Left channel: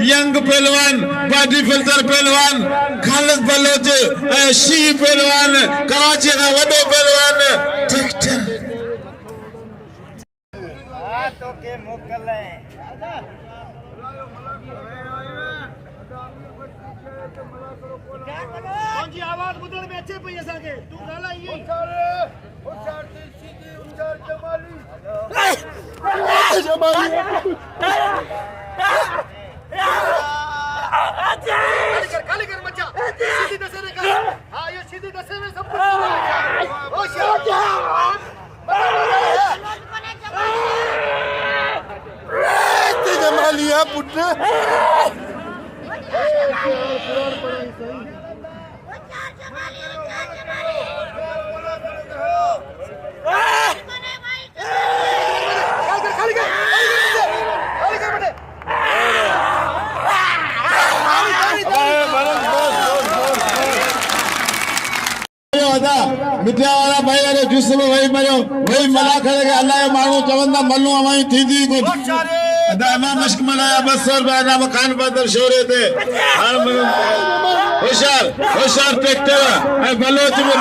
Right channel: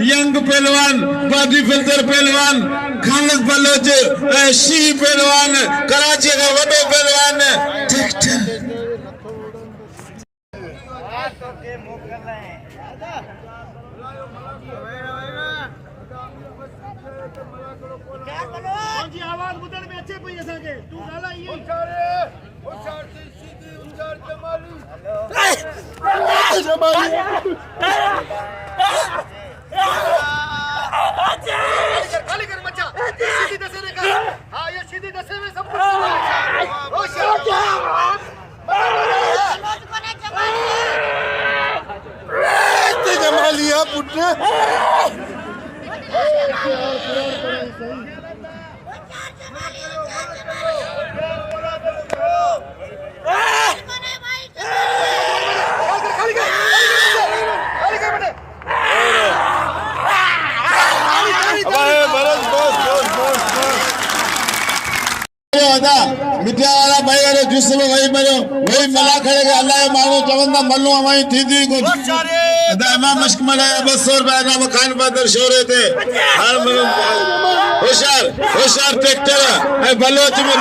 Young पहलवान, body filter पहलवान, Khalid Bloch, she पहलवान, कराची का वडो पहलवान, ट्रैक्टर। आवाज बुधड़ में अच्छे पई असा के तू गाला ये होशियार सीधी होशियार जमाली खाली कर मचा सीधी दसे ने कर हां ये सीधी दसे में सब कुछ होशियार जमाली है पुत्र कुरान पढ़ाई सही मिठा वाला भाई अरे जुस्से में वही मरो वही मला खड़े के अल्लाह मानो चवंदा मल्लू हमारी थी थी कुछ अदा इमाम मश्क मलाया बस और बाना मकान बदर शोरे थे होशियार होशियार ट्रैक्टर है बलोच में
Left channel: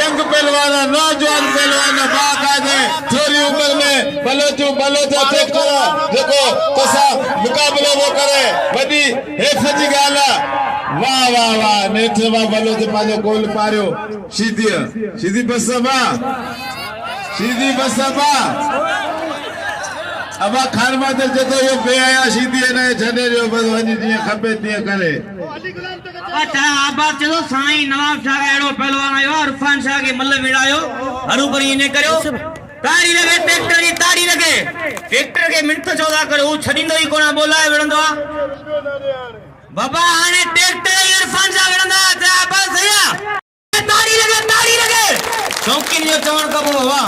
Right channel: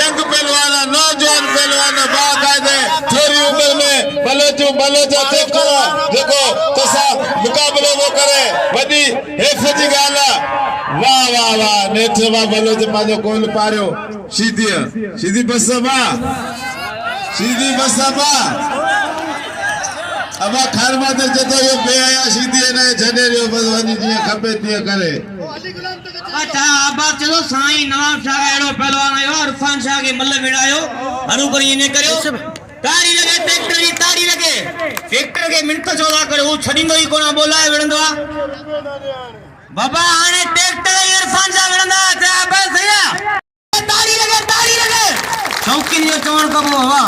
यंग पहलवान नौजवान पहलवान बाकायदे थोड़ी उम्र में बलोच ट्रैक्टर देखो कसा मुकाबले वो करे बड़ी हेफजी गाला वाह वाह वाह नेठवा बलोच मानो गोल पारियो सीधी बसबा अब खान माते जते ये बेआया सीधी ने छने रो बस वनी जी खपे तिए करे अच्छा आबाद चलो साईं नवाब शाह एड़ो पहलवान आयो इरफान शाह के मल्ल विड़ायो हरू करी ने करो ताड़ी लगे ट्रैक्टर की ताड़ी लगे ट्रैक्टर के मिनट 14 करे वो छडींदो ही कोना बोलाए विड़ंदो बाबा आने ट्रैक्टर इरफान शाह विड़ंदा बस भैया ताड़ी लगे चौकी जो चवण कबो हवा